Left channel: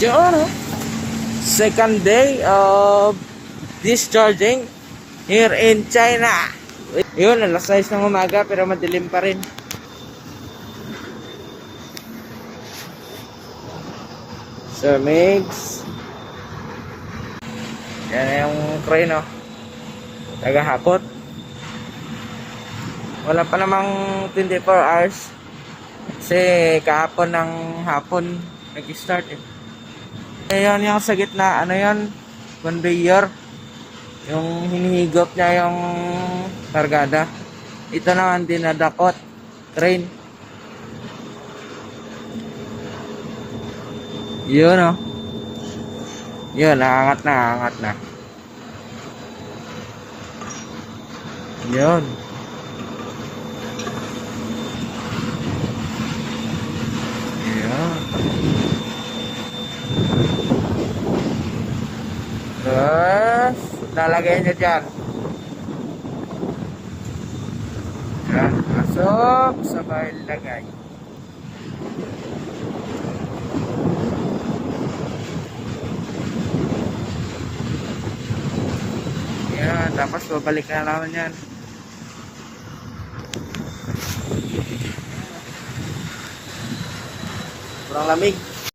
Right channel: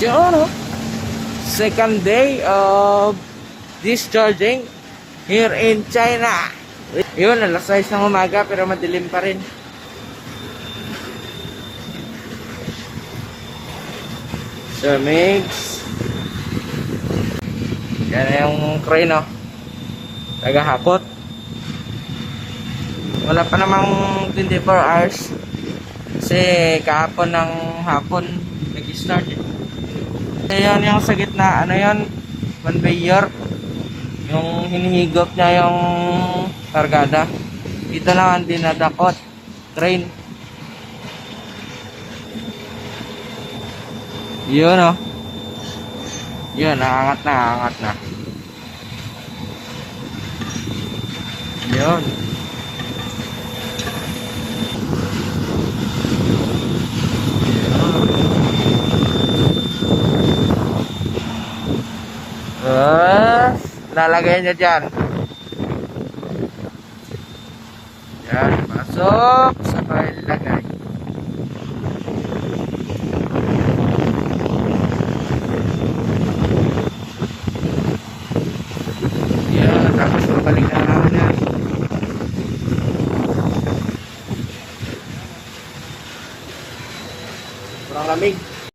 Yun, oh. Second day of discharging here in China. Yun, alas 6 ng umaga pero madilim pa rin. Sir Migs. Yan yung crane, oh. Tagahakot. Wala pa namang 24 hours. Kasi kahapon ng hapon nag-start eh. Ayan yung sa gitna, ano yan? Conveyor. Yung hinihigop niya yung kargada. Ito na ang dinadakot. Crane. Yun, oh. Yun, nakangat na. Yun. Terus lalagay nyo dyan. Yan, masuk sabay lagay. Yan, tapos babalik na naman yan. Kurang lamig.